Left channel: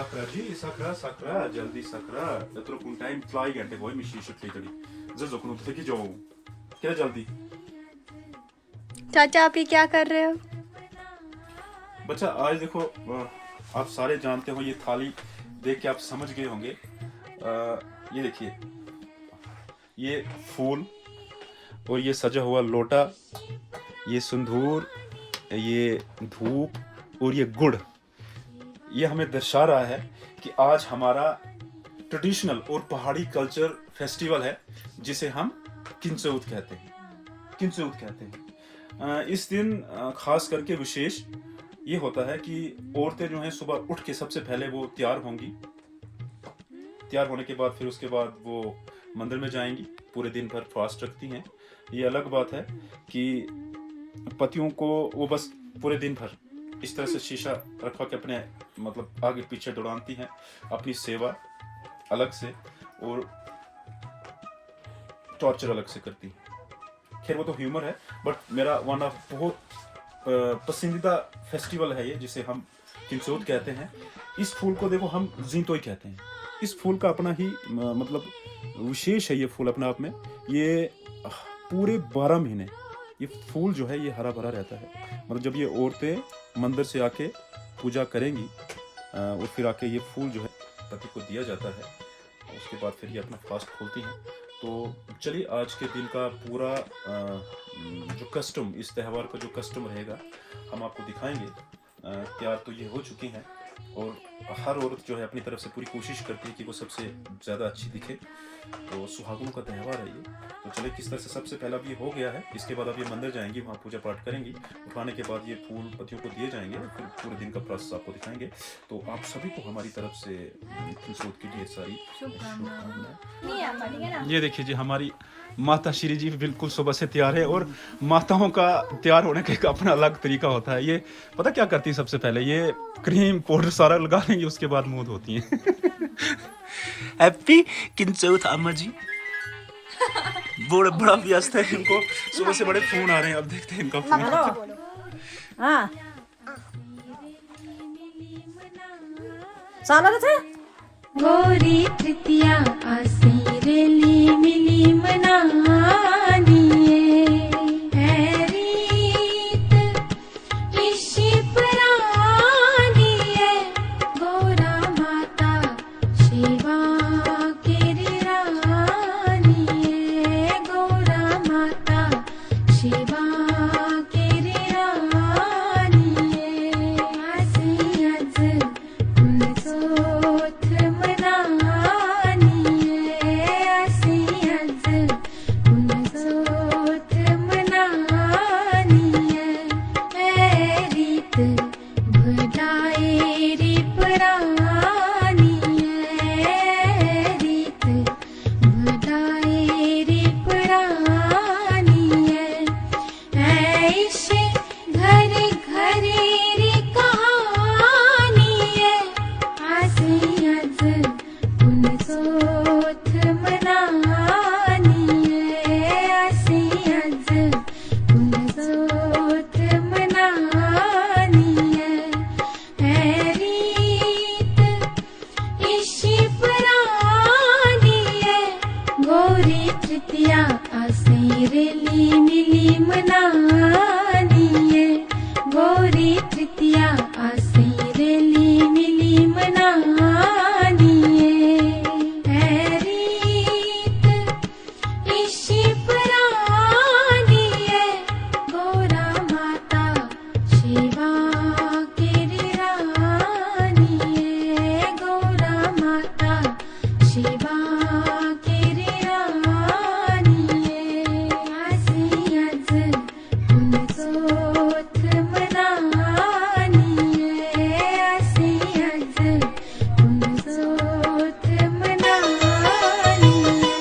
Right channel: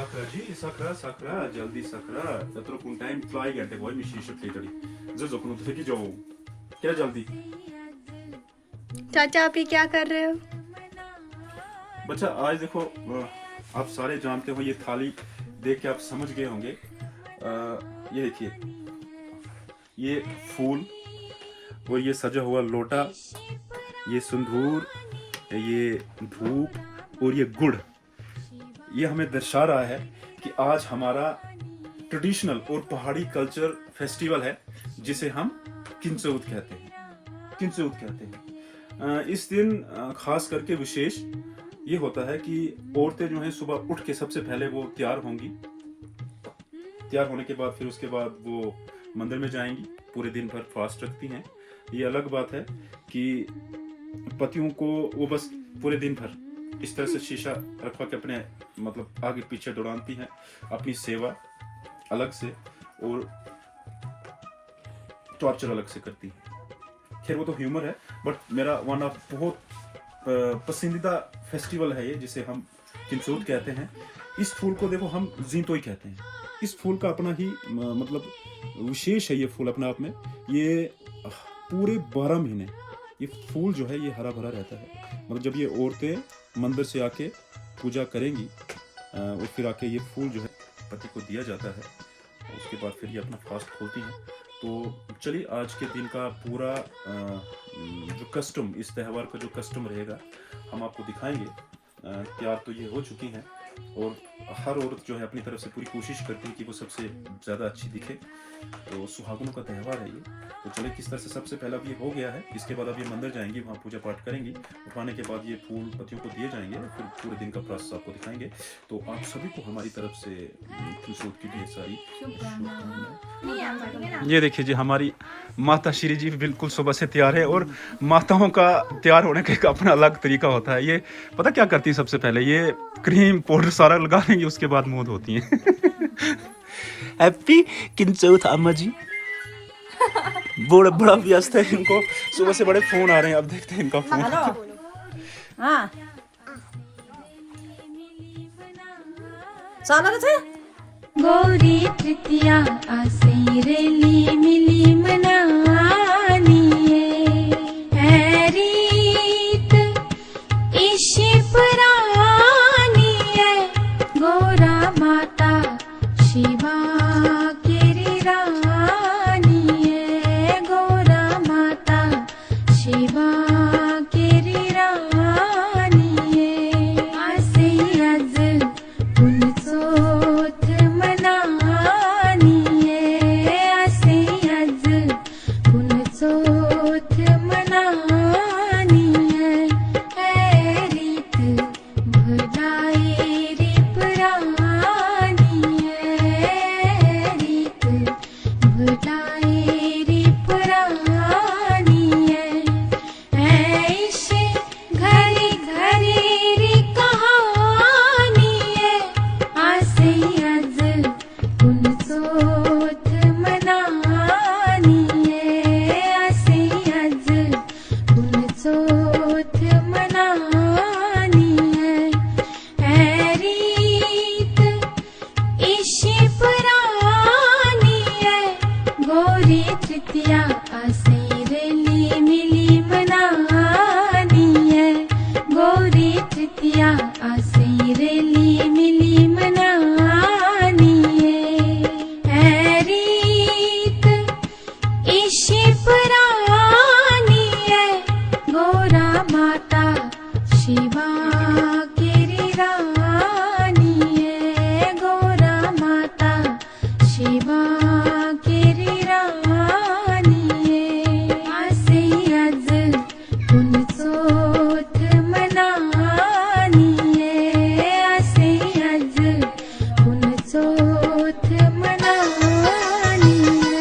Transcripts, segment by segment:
Sakra ji, sakra, sakra, jaldi sakra. Yatro kun time fly gante boy mi shisha tadi. Zazo kun तो फेंकी जाओ. क्या जल्दी? चाचा आप ये क्या कर रहे हो? बच्चा आज देखो आप सारे जानते हो ये थाली देख के आप समझ गए होंगे. ये देखिए ये फूल और ये सजा हुआ लोटा, ये सिंदूर, ये धूप और ये गुड़, ये हमें दर्शा रहा है कि आज हमारा ट्रेडिशनल और पहाड़ी कल्चर फेस्टिवल है जिसे हम किंचौत कहते हैं. किंचौत कहते हैं. इस दिन खास करके विशेष ये होता है कि औरतें जो हैं सुबह उठ के सबसे पहले वो तैयार होंगी. तैयार होने के बाद फिर उसके बाद वो मंदिर में जाएंगी, पूरे दिन भर फास्ट रखती हैं. ये अलग बात है कि पतियों को वो बस पूरे दिन भर इस तरह से शीशा रखवा के अपने मतलब आगे पीछे दौड़ाती हैं, अपनी सेवा अलग से और टॉर्चर अलग से करती हैं. खैर वो तो ह्यूमर है, बट मेरा वन ऑफ बहुत पसंदीदा फेस्टिवल है ये जिसे हम किंचौत कहते हैं. इस फूल को देखो हम जींतोई कहते हैं. इस फूल का अपना ही मतलब विशेष है. ये फूल अपने आप में ये पूरे 12 महीने ये फूल जो है ये हरा भरा रहता है. मतलब जब ये औरतें मंदिर से आके पूजा करेंगी और फिर आके ये फूल जो है पति को दिया जाता है, उसके बाद फिर ये अपना फास्ट खोलती हैं. तो चलिए आज के दिन का पूरा जो कस्टम, इस त्यौहार का जो कस्टम रहेगा हम आपको दिखाएंगे. तैयार तो ये हो चुकी हैं और हर औरत जो है अपनी तरफ से पूरी कोशिश करती है कि वो सबसे ज़्यादा अच्छी दिखे. तो सुहागनों का त्यौहार है ये. तो चले किस तरह से सबसे पहला अब ये हो गया है, इसके बाद अब ये मंदिर जाएंगी, वहाँ पूजा पाठ करेंगी. उठाने के बाद ये फूल पतियों को दिए जाएंगे और फिर पूरे दिन का प्रोसेस आपको दिखाएंगे. तो आप सभी को हमारी तरफ से किंचौत की ढेर सारी शुभकामनाएं. ये देखिए जी हमारी माता श्री जी बिल्कुल सुबह से तैयार है और माताओं का तैयार होने का एक अपना अलग तरीका होता है. ये पता क्या करती है, सबसे पहले ये क्रीम पाउडर सारा लगा लेंगी, उसके बाद मुंह धोती हैं. हैप्पी किंचौत अम्मा जी. बड़ा व्यस्त है, इनको सुबह से बड़े फोन आ रहे हैं. अब देखते हैं इनका फोन. हाँ चालू थे. गौरी तृतीया आसेरेली मिली मनानी है रीत इशी पुरानी है. गौरा माता शिवा केरी रानी है. गौरा माता शिवा केरी रानी है. आसे आज पुनसोत मनानी है. आसे आज पुनसोत मनानी है. रीत बुधाए री परानी है. रीत बुधाए री परानी है. इसे घरी घरी री कहानी है. आसे आज पुनसोत मनानी है. आसे आज पुनसोत मनानी है. रीत इशी पुरानी है. गौरी तृतीया आसेरेली मिली मनानी है. गौरी तृतीया आसेरेली मिली मनानी है. रीत इशी पुरानी है. गौरा माता शिवा केरी रानी है. गौरा माता शिवा केरी रानी है. आसे आज पुनसोत मनानी है. आसे आज पुनसोत मनानी है.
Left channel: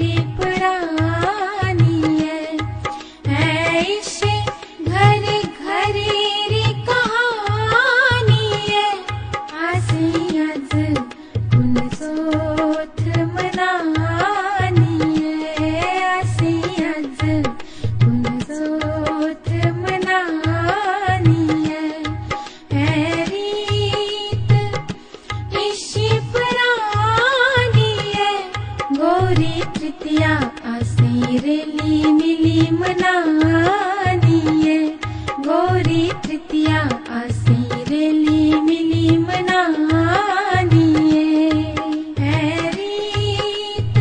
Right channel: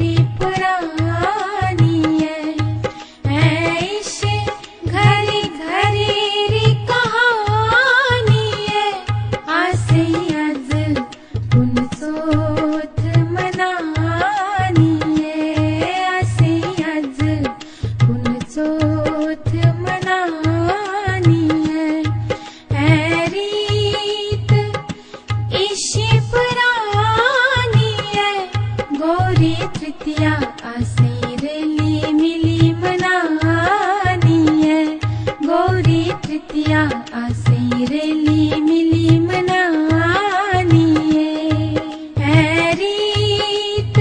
री पुरानी है इश्क घरी घरी री कहानी है आसे अज उन सोथ मनानी है आसे अज उन सोथ मनानी है रीत इशी पुरानी है गोरी तृतीया आसे रेली मिली मनानी है गोरी तृतीया आसे रेली मिली मनानी है रीत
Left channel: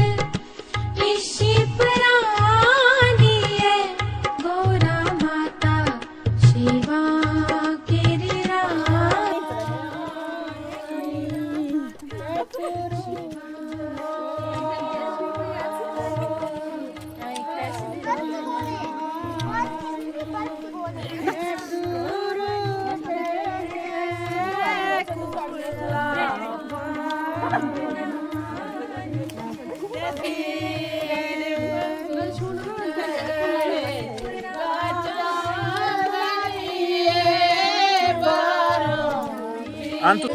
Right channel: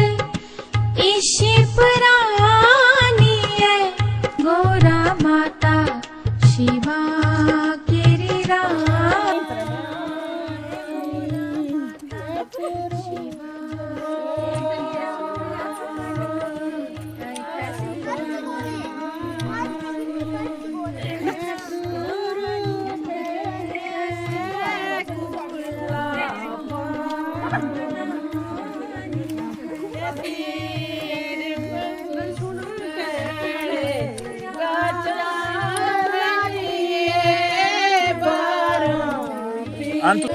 इशी पुरानी है गोरा माता शिवा केरी राम Antu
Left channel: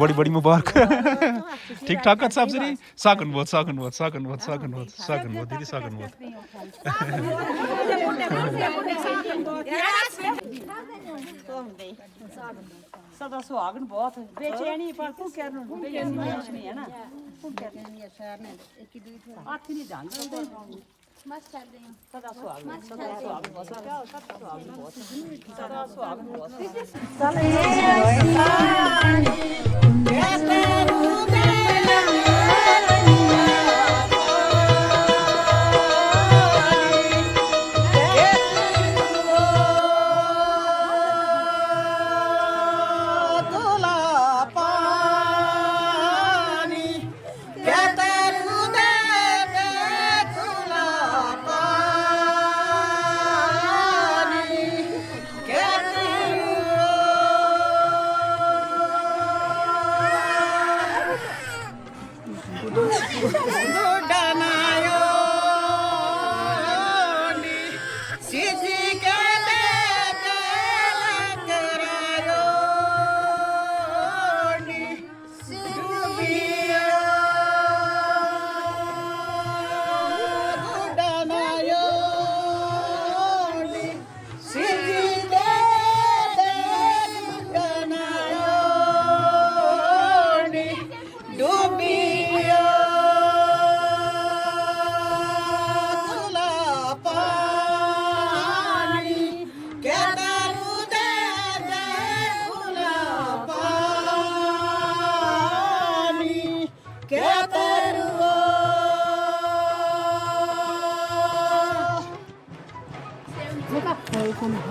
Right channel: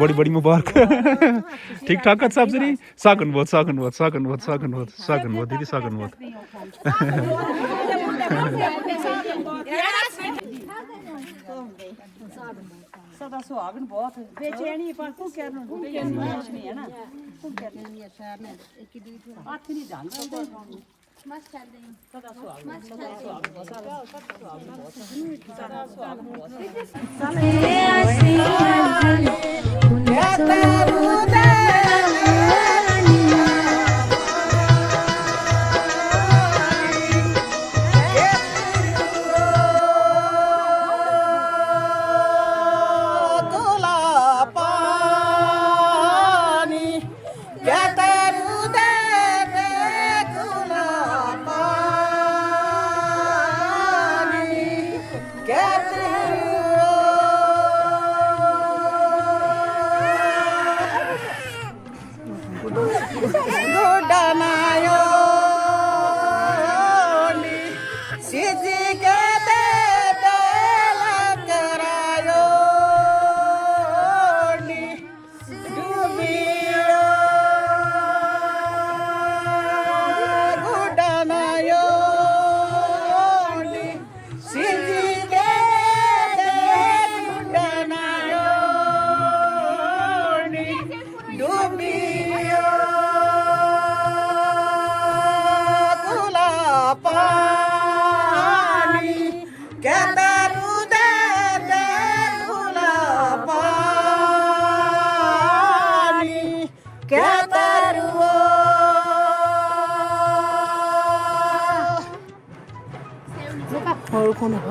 बड़ी बड़ी मुबारक ठीक ठाक सब सही सागन बहुत दीदी सागन बहुत सदा सुहागन बहुत बेचैनी पर भूखे ਨੂੰ ਨਹੀਂ ਹੈ ਨਾ ਭੁੱਖੇ ਨਹੀਂ ਸ਼ਹਿਰ ਨੇ ਹੱਥ ਨਹੀਂ ਜਾਂਦਾ ਮਸ ਕਰਦੇ ਹਾਂ ਸਦਾ ਸੁਹਾਗਨ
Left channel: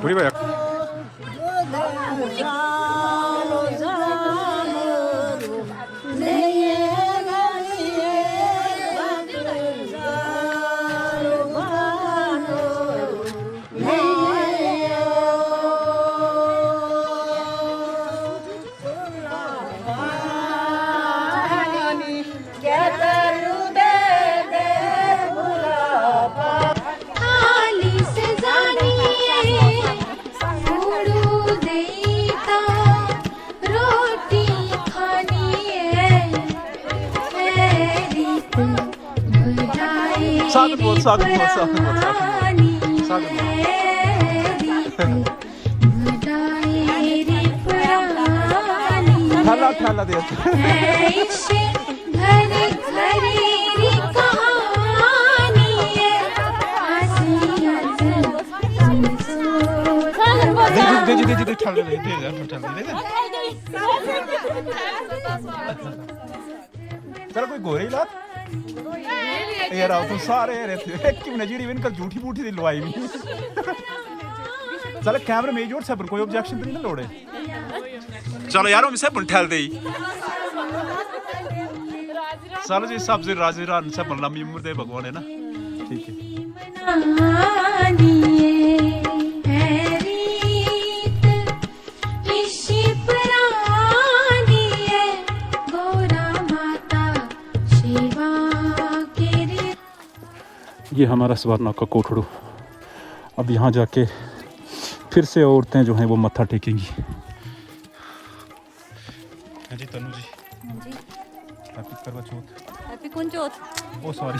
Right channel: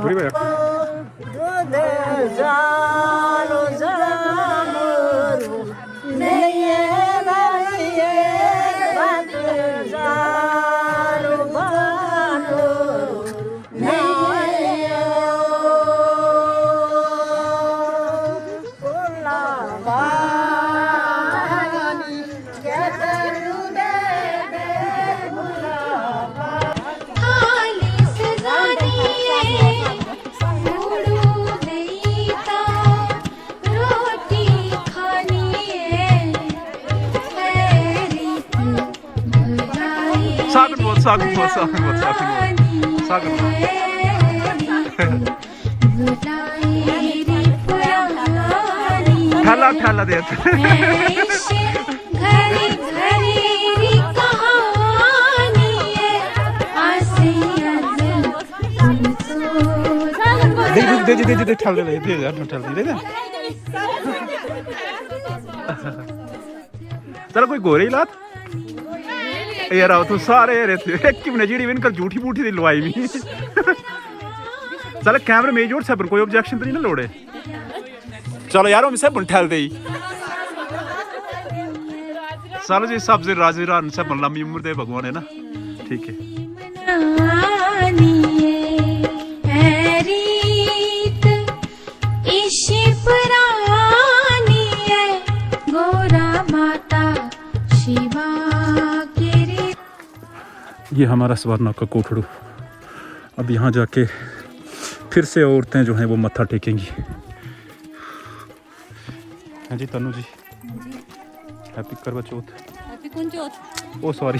बड़ी भैया सागन ठेला दे कहानी दे ठल दे ठल दे चल कोई गोरे ही लात यार आओ तो सारे एक की नजीड़ी इनकर झूठी बूठी दी लवाई भी चल कैमरे में जोड़ सब कोई ऑब्जेक्शन तो नहीं ना लोड़े चलो यार हम सब ठहल दे चलो जी सब से राजी रान सब लंबी उम्र दे भगवान है ना ठीक है ये हमारा सवारनाग का कोठड़ू अब यहाँ जाके फिर से औरतें जो हैं वो मत्था टेकेंगी हाँ जी तनु जी हैप्पी करवा चौथ हैप्पी कौन चौथ ओ सॉरी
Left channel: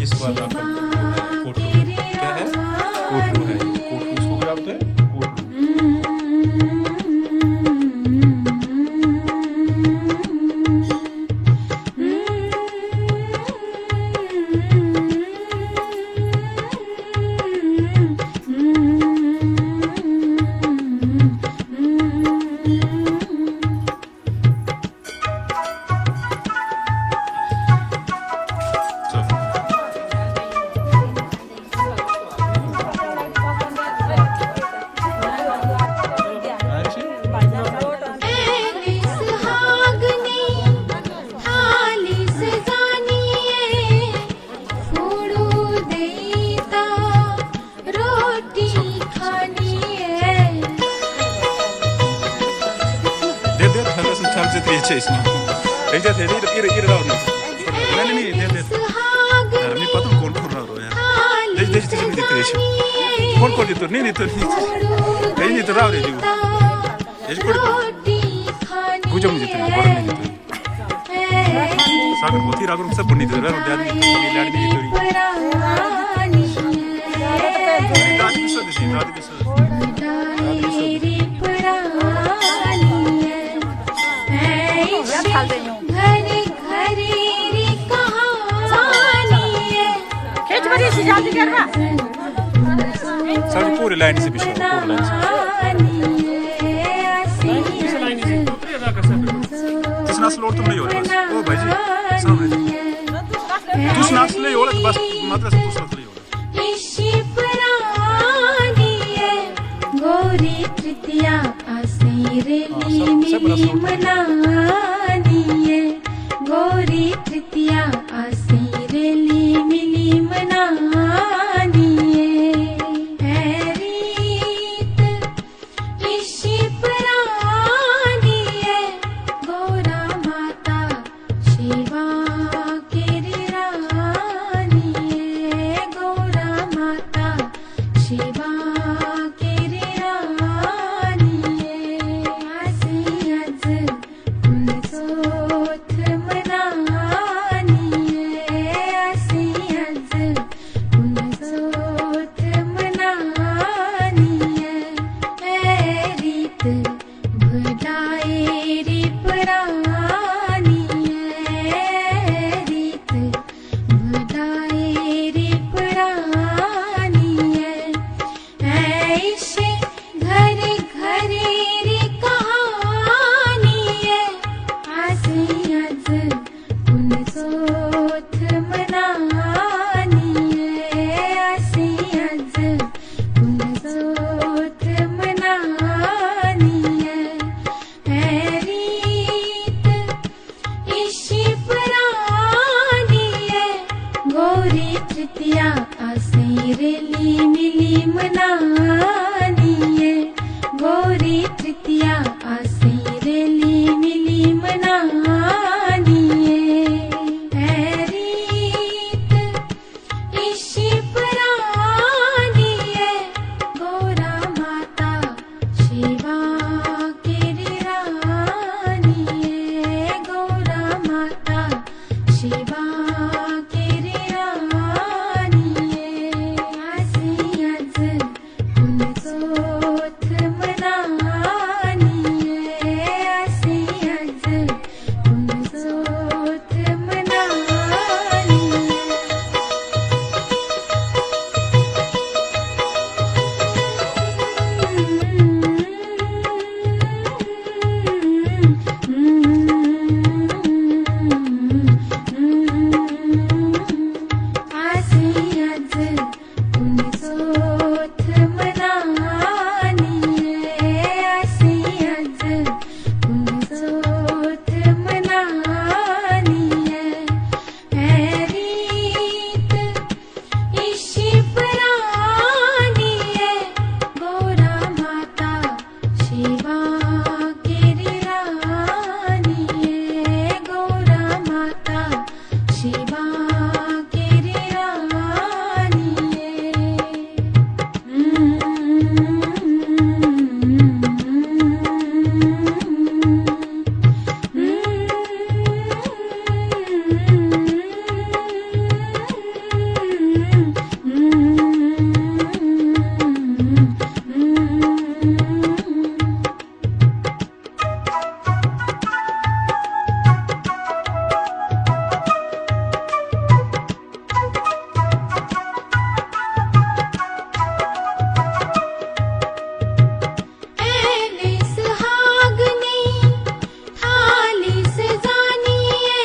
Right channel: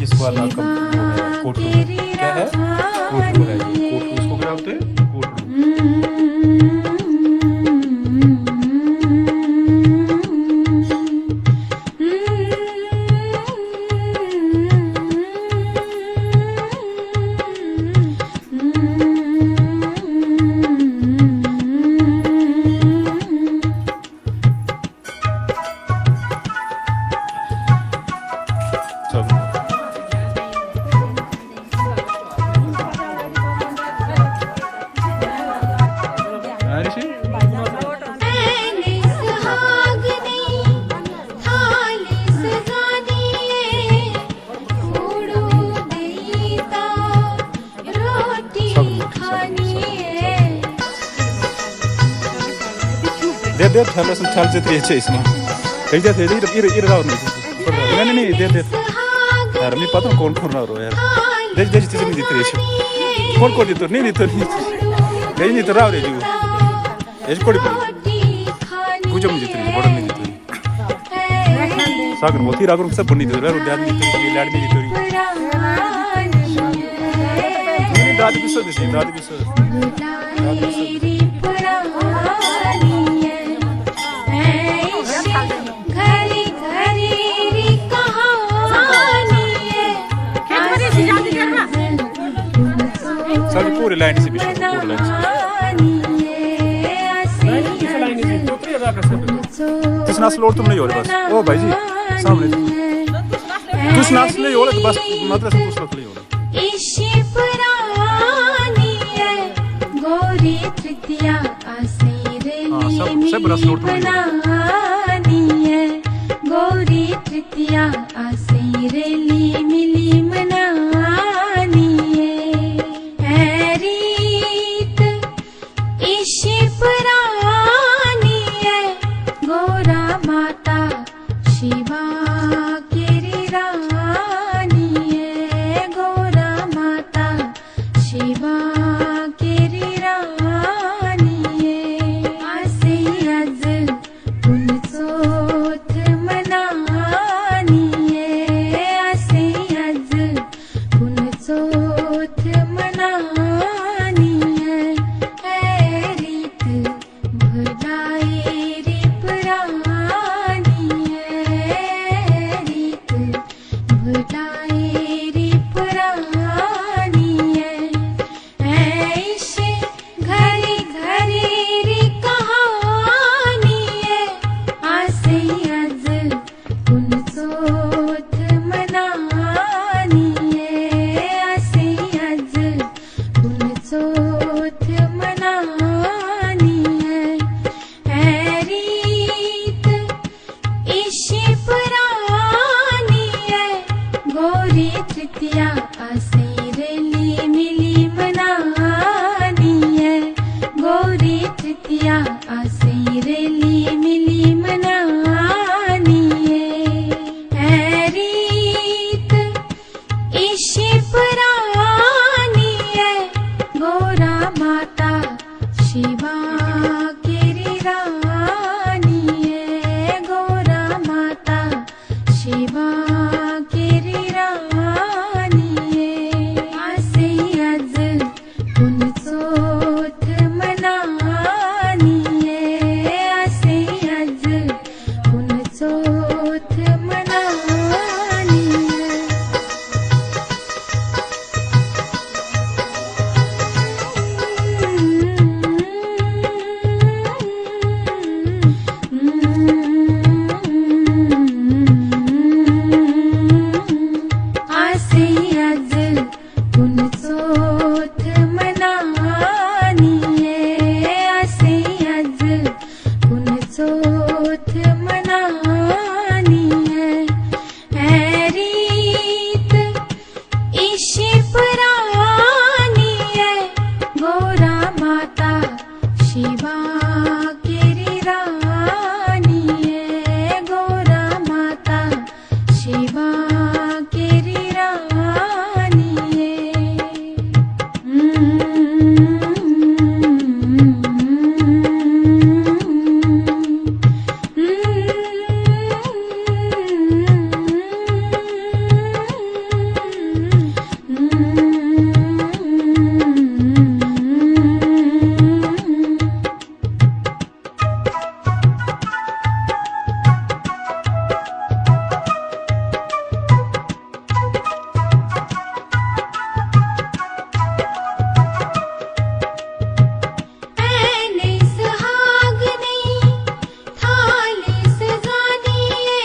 ये सवारनाग का कोठड़ू क्या है कोठड़ू है ये कोठड़ू इसको क्या बोलते हैं कोठड़ू दे थैला सम थैल से त्रिये इसमें ठीक है इधर आओ नहीं दे यार मैं पता कौन कौन रहा यार दे तुझे नहीं देते कौन कौन देते नहीं तो राव रे जो ये कोड़ी गुजम नहीं देते बड़ा नहीं देते सागर मोती रागर सब बनी देते यार ध्यान देते लाड नहीं देते दादी भी सो देते दादी भी सो सर पूरी लाइन से बिछो पूरी लाइन से किस नास लोड तुम नहीं हो रहे बस ओ भाई जी सामने तुस नास ले हो रहे तो बस मतलब तुस नास ले हो रहे WhatsApp बड़ा स्लो टोन मनानिए गौरी तृतीया आसे रेली मिली मनानिए है रीत ईशी पुरानिए गौरा माता शिवा केरी रानिए गौरा माता शिवा केरी रानिए आसे आज पुनचोथ मनानिए आसे आज पुनचोथ मनानिए है रीत भुलाएरी पुरानिए रीत भुलाएरी पुरानिए ऐशे घरी घरी री कहानिए आसे आज पुनचोथ मनानिए आसे आज पुनचोथ मनानिए है रीत ईशी पुरानिए गौरी तृतीया आसे रेली मिली मनानिए गौरी तृतीया आसे रेली मिली मनानिए है रीत ईशी पुरानिए गौरा माता शिवा केरी रानिए गौरा माता शिवा केरी रानिए आसे आज पुनचोथ मनानिए आसे आज पुनचोथ मनानिए आसे आज पुनचोथ मनानिए आसे आज पुनचोथ मनानिए है रीत ईशी पुरानिए गौरा माता शिवा केरी रानिए गौरा माता शिवा केरी रानिए ऐने सुहागनी थाली सजानिए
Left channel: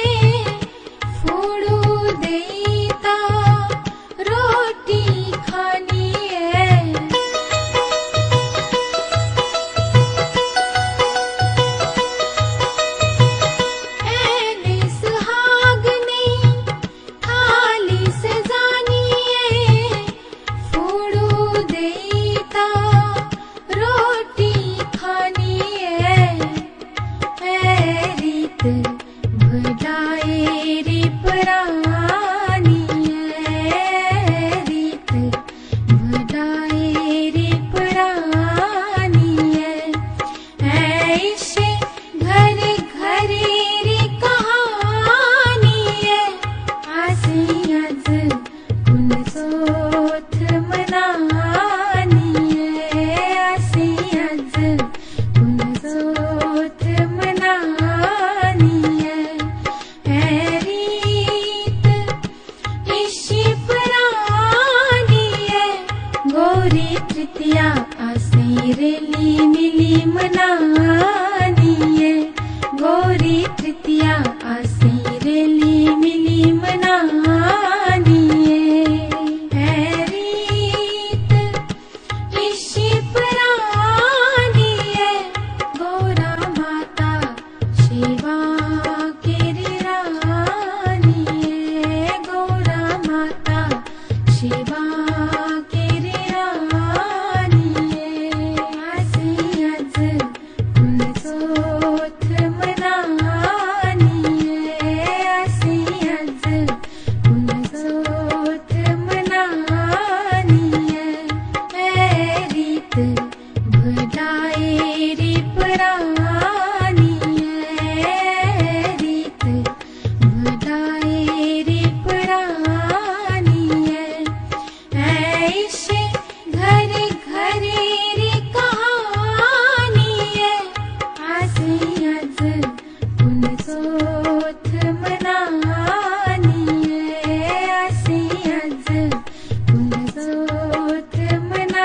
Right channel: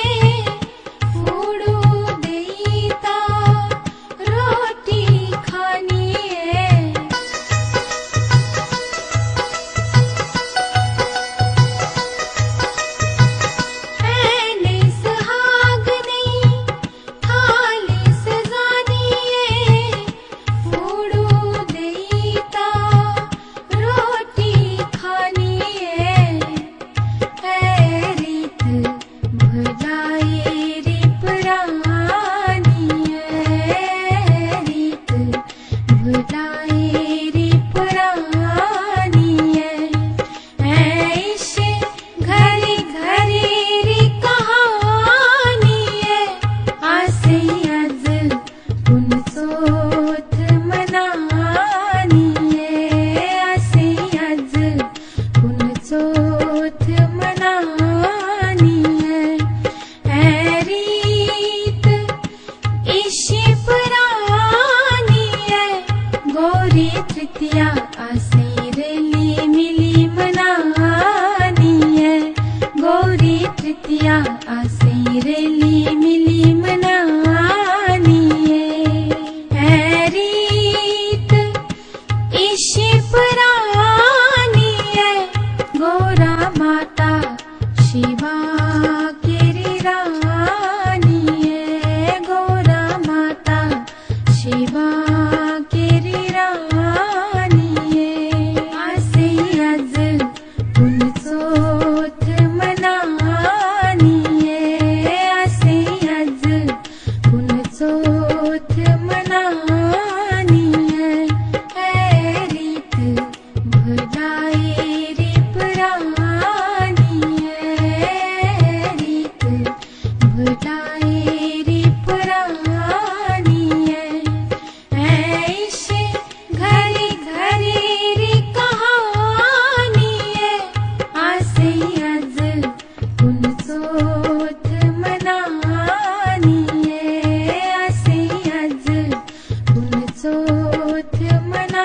फूड़ू देता रोटी खानिए ऐने सुहागनी थाली सजानिए फूड़ू देता रोटी खानिए है रीत भुलाएरी पुरानिए रीत भुलाएरी पुरानिए ऐशे घरी घरी री कहानिए आसे आज पुनचोथ मनानिए आसे आज पुनचोथ मनानिए है रीत ईशी पुरानिए गौरी तृतीया आसे रेली मिली मनानिए गौरी तृतीया आसे रेली मिली मनानिए है रीत ईशी पुरानिए गौरा माता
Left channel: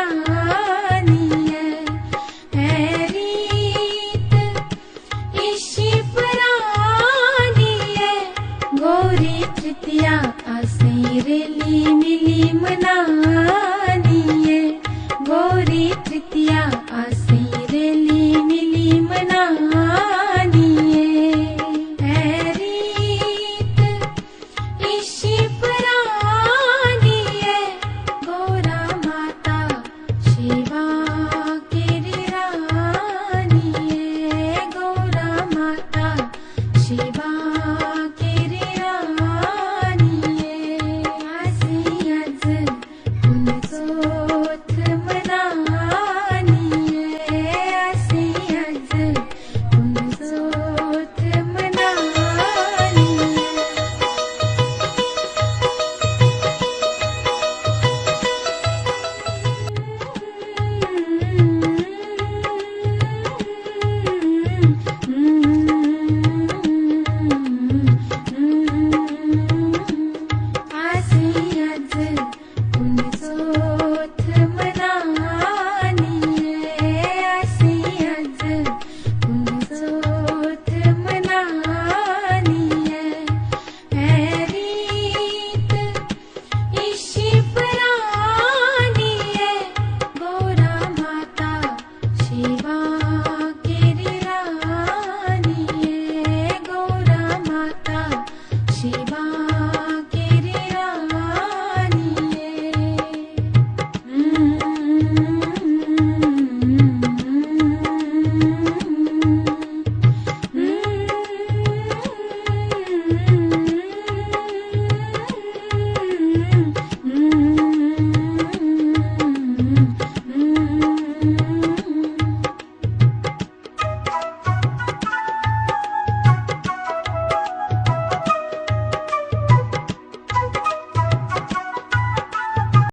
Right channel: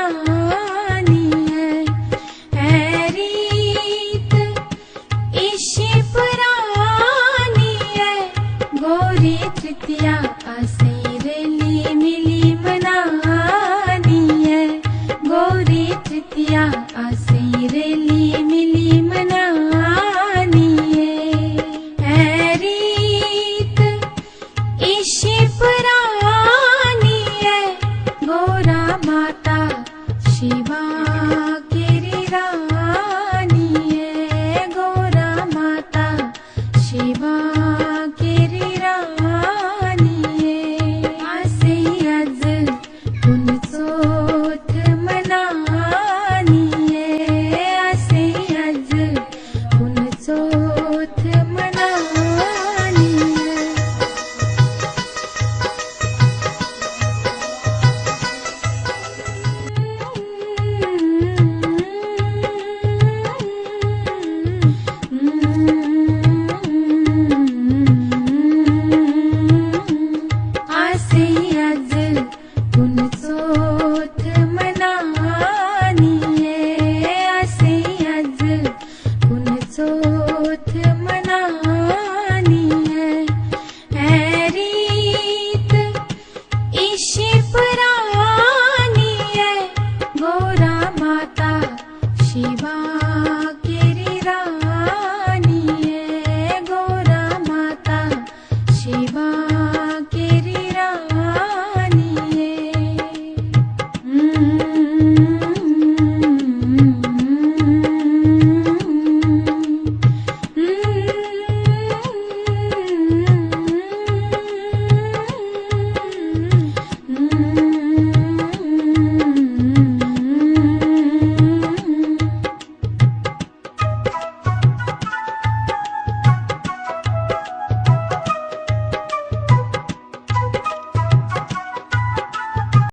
तृतीया